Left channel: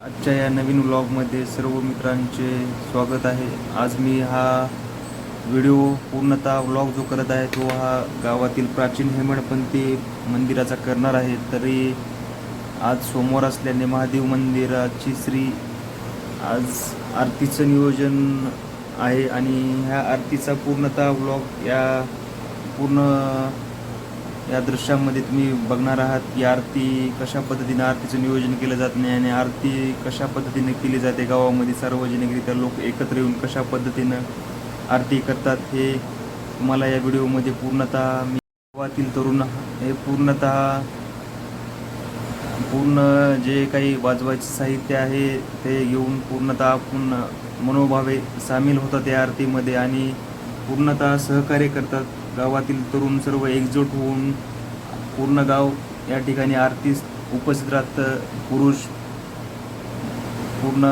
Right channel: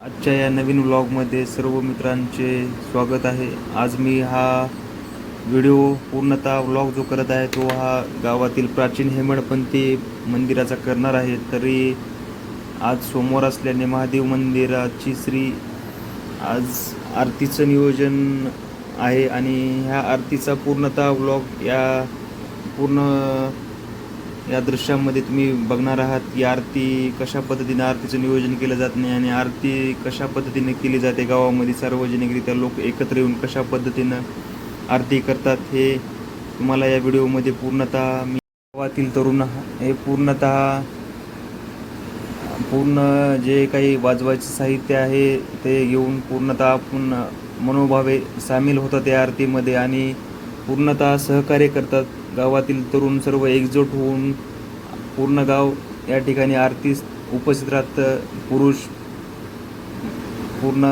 आजच्या या नवीन व्लॉगमध्ये सर्व मित्रांचे स्वागत आहे. आज मी हा व्हिडिओ पूर्णतः व्लॉग जो करत आहे तो हा गावातील प्राचीन हेमाडपंथी मंदिराचा करणार आहे. तरी आज सोमवार असल्याने महादेव मंदिराची आज आरतीचं नियोजन आहे आणि ह्या आरतीचा पूर्णतः व्लॉग पूर्ण या दृश्यामध्ये तुम्ही बघणार आहात की आरती कशा पद्धतीने आरतीचं नियोजन केलं जात नाही आणि आरती कशा पद्धतीने केली जाते. गावामध्ये सार्वजनिकरित्या लोक एकत्र येऊन कशा पद्धतीनं आरती करतात हे तुम्हाला या व्हिडिओमध्ये पूर्णतः मी गावातील तरुण हे पूर्ण जे काही वाजवायचं साहित्य आहे ते घेऊन पूर्णतः आपण मनोभावे सामील होतात या आरतीमध्ये आणि पूर्णतः सहकार्य करतात. गावातील तरुण सर्व एकजूट होऊन पूर्ण गाव या ठिकाणी आरतीस उपस्थित राहतं. पुरुष पूर्ण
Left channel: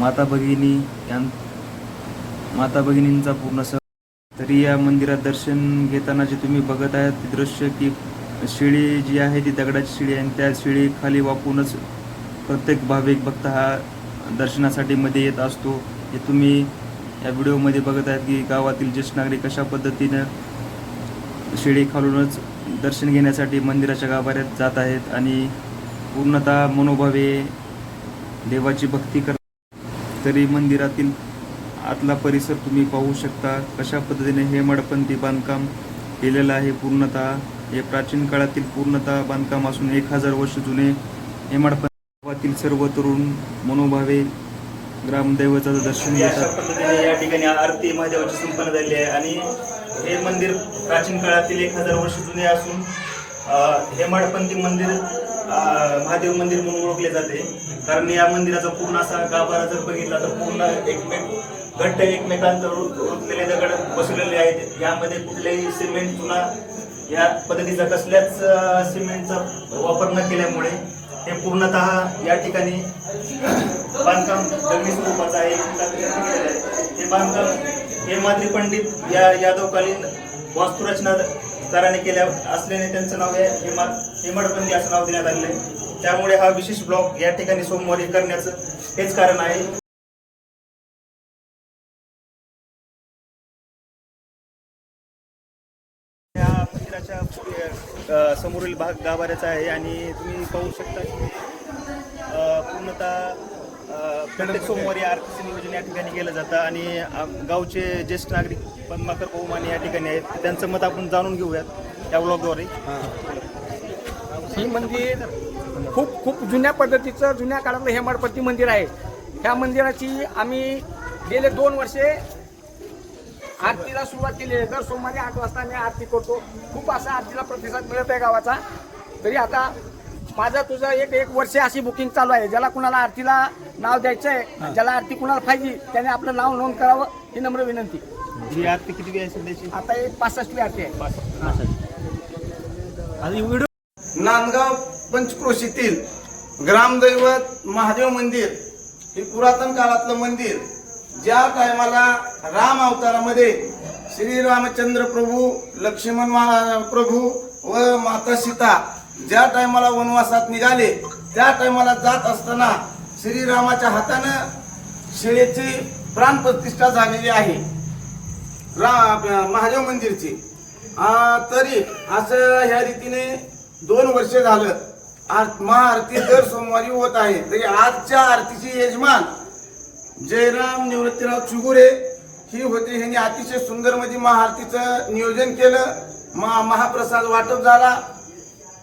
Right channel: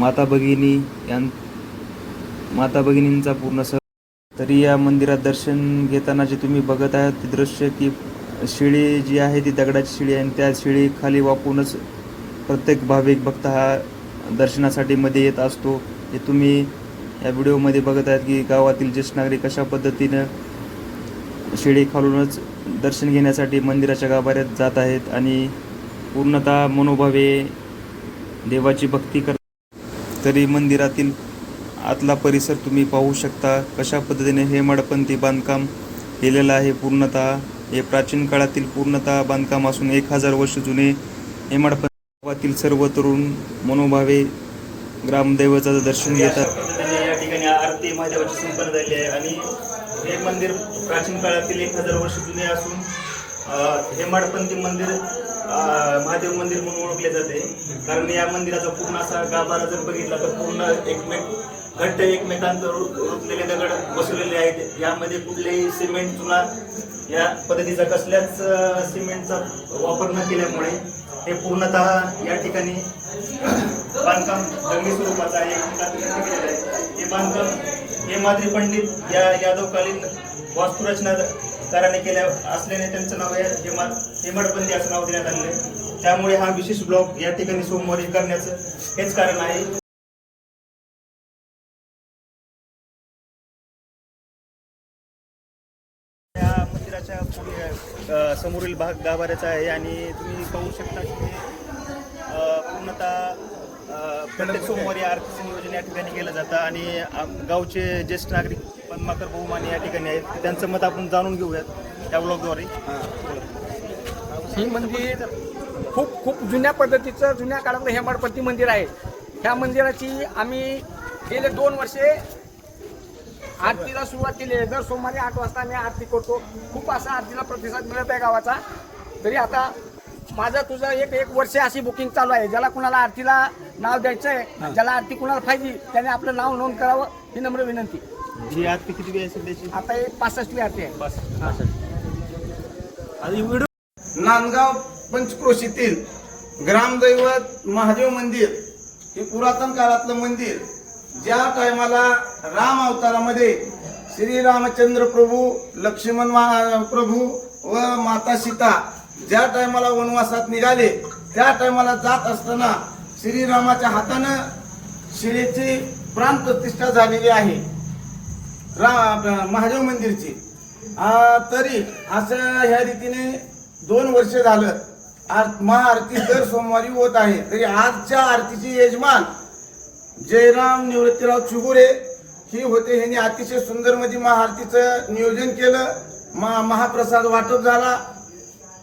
माता भगिनींचा पूर्ण तरी या मंदिरात दर्शन घेताना जे तुम्ही बघत आहात ते दृश्य की शिडी जी आहे ती दगडाची शिडी आहे आणि त्या शिडी खाली वाकूनच प्रत्येक भाविक भक्त हा दर्शनासाठी मध्ये येत असतो. हे तुम्ही या व्हिडिओमध्ये बघत आहेत की गावातील ज्येष्ठ नागरिक कशा पद्धतीनं शिडी खालूनच दर्शन घेण्यासाठी मंदिराच्या गाभाऱ्यात जात आहेत आणि पूर्णतः मनोभावे देवाची भक्ती करतात. तरी मंदिरातील आतला परिसर तुम्ही पाहू शकता कशा पद्धतीने हेमाडपंथी बांधकाम केलेलं आहे. पूर्णतः हे प्राचीन काळातील पूर्णतः बांधकाम असून 1000 वर्ष जुने हेमाडपंथी गावातील सर्व तरुण मनोभावे ग्रामदैवताचं दर्शन घेतात. या ठिकाणी आरती महादेवाची संपन्न झाली आहे आणि हे मंदिर प्राचीन काळातील 1000 वर्ष जुने असून हेमाडपंथी मंदिर महादेव मंदिर म्हणून ओळखले जाते. कारण या मंदिराचा पूर्ण असा गाभारा जर बघितला तर पूर्ण घट्ट एकमेकांतर रुतलेले दगड बसवलेले आहेत. यामध्ये कुठलेही सिमेंट किंवा या पद्धतीचा कसल्याच सिमेंटचा वापर न केल्यामुळे हे पूर्णतः या ठिकाणी बांधकाम दगडी स्वरूपाचं आहे. हे बांधकाम हे माद्री पंडित या यादवकालीन वास्तुरचनाकाराने केल्या असल्याने त्यांचं नाव हेमाडपंथी असं नाव देण्यात आलेलं आहे. त्यामुळे हा विशेष ब्लॉग या ठिकाणी सोमवारी करण्याचं हेच कारण आहे. या मंदिराच्या पुढे समोरील भाग गाभाऱ्याचा आहे आणि तुम्ही पाहू शकता पूर्णतः प्रत्येक सोमवारी आरतीचं नियोजन या ठिकाणी केलं जातं आणि गावचे ज्येष्ठ नागरिक पद्माकर बहुमाने या ठिकाणी आहेत. त्यांचं मत आपण जाणून घेऊयात त्या ब्लॉगद्वारे. ही मंदिर खूप जुन्या पद्धतीचं जुन्या काळातलं हेमाडपंथी मंदिर आहे. ह्या मंदिराची आम्ही गेले 2 वर्षे आरतीला सुरुवात केली आहे. दर सोमवारी 8 वाजता आम्ही आरती करतो. खूप असा आरतीला प्रतिसाद मिळत आहे गावाचा. तरी आता माझं तुझं एक वर्ष अशी बुकिंग चालू आहे. ज्याला कुणाला आरतीला नाव द्यायचं आहे, ज्याला आरती कुणाला पाहिजे त्याने आपलं नाव नोंद करावं ही नम्र विनंती. ही आरती किती वेळ सध्याची? आता हे 65वी आरती आहे. नांदगाव पंचक्रोशीतील ग्रामदैवत महादेव मंदिर हे पुरातन काळातलं मंदिर. ज्या टायमाला राम अवतारामध्ये श्रीरामचंद्र प्रभू, लक्ष्मण प्रभू व माता सीता ज्या टायमाला वनवासात निघाले त्या टायमाला जात असताना श्रीरामाच्या हातानं शिळेची प्राणप्रतिष्ठा झालेली आहे महादेव मंदिरची. तरी असं ह्या रीतीने 2 वर्ष झालं महाआरती दर सोमवारी होत आहे. तरी आजच्या आरतीचे यजमान जयराम निवृत्तीराव चुगुरे ही होते. ह्यांनी अतिशय सुंदर मध्ये महाआरतीचं नियोजन केलं. महाप्रसाद वाटप झाला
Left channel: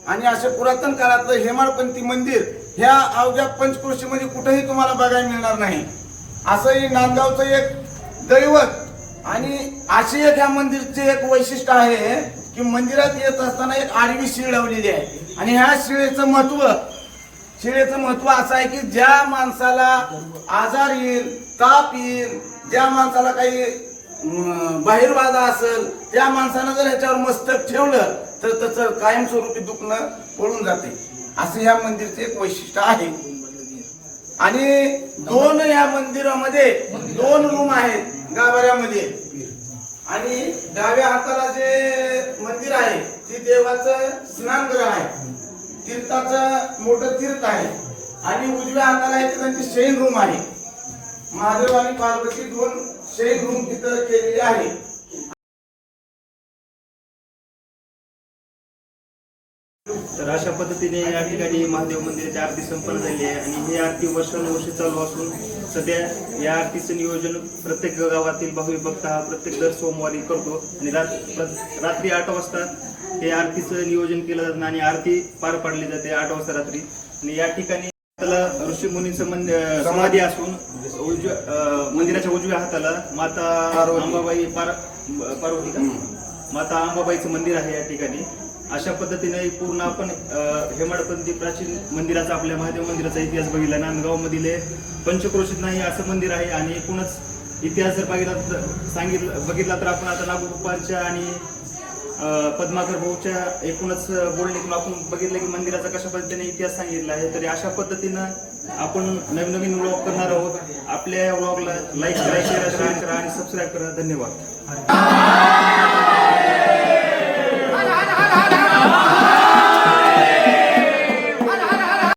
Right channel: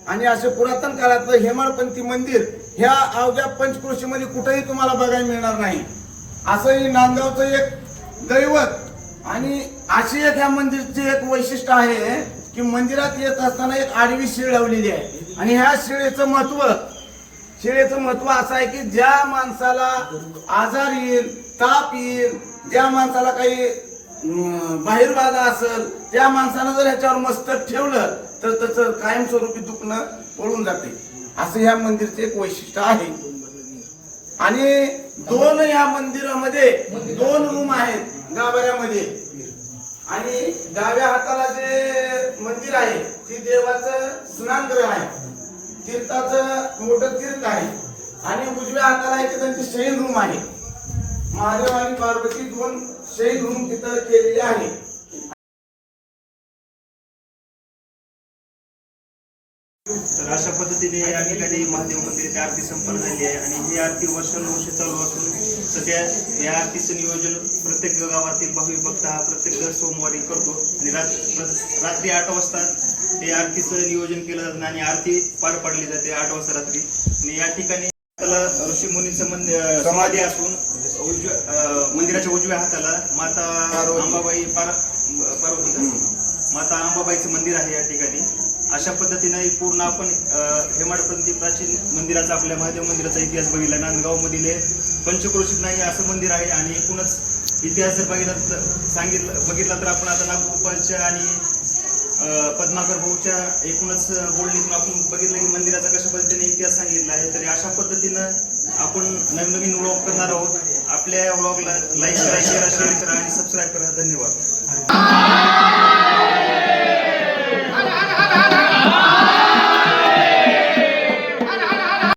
आणि असं पुरातन काळातलं हेमाडपंथी मंदिर ह्या अवघ्या पंचक्रोशीमध्ये कुठेही तुम्हाला बघायला मिळणार नाही. असंही नांदगावचं एक दैवत आणि अशी एक ह्या मंदिरचे एक वैशिष्ट्य आहे की मंदिरात येत असताना एक आडवी शिळ लावलेली आहे आणि ह्या शिळेचं महत्व असं आहे की ज्या माणसाला आजार येईल, ताप येईल, ज्या माणसाला काही बाहेरवादा असेल त्या माणसानं जर ह्याच्यावर मस्तक ठेवलं तर त्याचं कायमस्वरूपी दुखणं पळून जाते. असं या मंदिरचे एक वैशिष्ट्य आहे. आणि 2 या मंदिरामध्ये 2 रूम आहेत गाभाऱ्यामध्ये आणि डाव्या हाताला जे मंदिर आहे ते देवाचं स्नानगृह आहे. तीर्थाचं मोठं तीर्थ आहे आणि उजव्या हाताला इथे त्यांची शयन रूम आहे. महादेव आणि पार्वती 2 शयन रूम तिथं केलेले आहे. तर अशा पद्धतीने या ठिकाणी महादेव मंदिराची आरती संपन्न झाली आहे आणि ही आरती वर्षानुवर्ष चालू असून सध्या या आरतीचं नियोजन प्रत्येक गावातील भाविक भक्त हा प्रत्येक दर सोमवारी करतो आणि रात्री 8 वाजता हे आरतीचं नियोजन केलं जातं आणि आरती पार पाडली जाते 8 वाजता रात्री. आणि या ठिकाणी त्याला ऋषी मुनींचं समाधी असून मंदिराच्या उजव्या हाताला माता अंबाबाई पार्वती का माता अंबाबाईचं मंदिर आहे या ठिकाणी. अशा पद्धतीने पूर्ण आपण हेमाडपंथी प्राचीन मंदिराचा आपल्या महादेव मंदिराचा इतिहास बघितला. नांदगावमधील पंचक्रोशीत नाही असं मंदिर आहे आणि एकूणच इतिहास जर बघितला तर आपण आता नागोबाच्या आणि पद्माकर भाऊच्या एकूणच बोलणीतून आपण बघितलं की मंदिराचा कशा पद्धतीने इतिहास सांगितला आहे. तरी अशा पद्धतीनं आपण नवीन व्लॉग करणार आहोत. आपल्या व्लॉगला लाईक करा, शेअर करा आणि सबस्क्राईब करा. धन्यवाद.